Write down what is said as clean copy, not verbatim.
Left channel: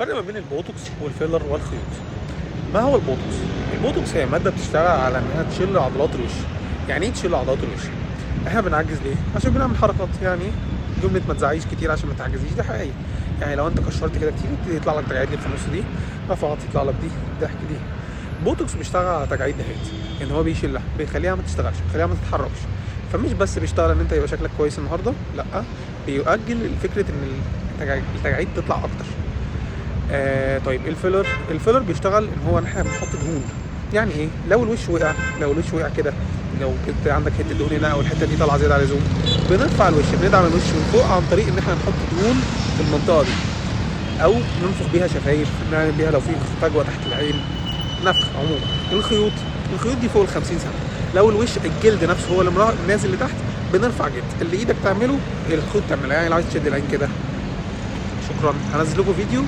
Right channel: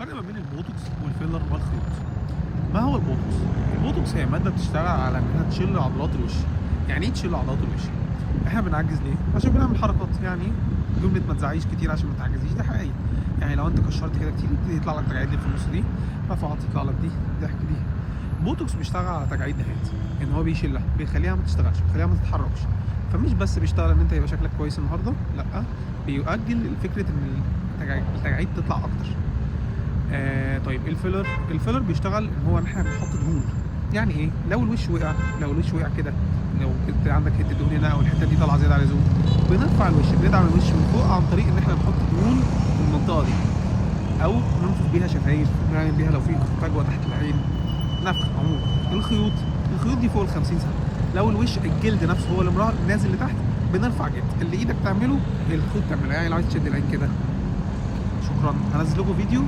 الفرق ما بين البوتوكس والفيلر والخيوط. ما هو البوتوكس؟ البوتوكس هي ماده بتشتغل على انها تشيل عضلات الوش. يعني ايه تشيل عضلات الوش؟ احنا بنعجز ليه؟ عشان بنعمل حركات. يعني جمله ما تزعيش كتير عشان ما تعجزيش دي حقيقيه. يعني لو انت كشرت كده كتير يبتدي يطلع لك تجاعيد في النص دي، رفعت يطلع لك دي ضحك دي. البوتوكس بيشتغل على تجاعيد دهات، ان هو بيشيلها، بيخليها ما تشتغلش، بيخليها ما تتحركش. فمش بس بيشتغل ان انت يبقى شكلك كويس النهارده، لا، بيؤجل فكره ان التجاعيد تطلع اكتر. طيب الفيلر بيشتغل ان هو احنا بنحط دهون. يعني ايه؟ لو الوش وقع كده، لو كنت عندك حته دهون هنا او الحته دي طالعه زياده عن اللزوم، بنرفع الوش، بندعم الوش من فوق عن طريق ان احنا نحط دهون في المنطقه دي، او ننفخ بيها شفايف، نعمل بيها لو في فجوه تحت العين، نفخ. عموما الخيوط دي فوق ال 50 سم. لو الوش الجلد نفسه هو اللي نازل لتحت، بنرفع جلد. اللي ايدك تعمله الخيوط تعملها. يعني لو عايز تشد العين كده. شكرا. هنزل لكم فيديو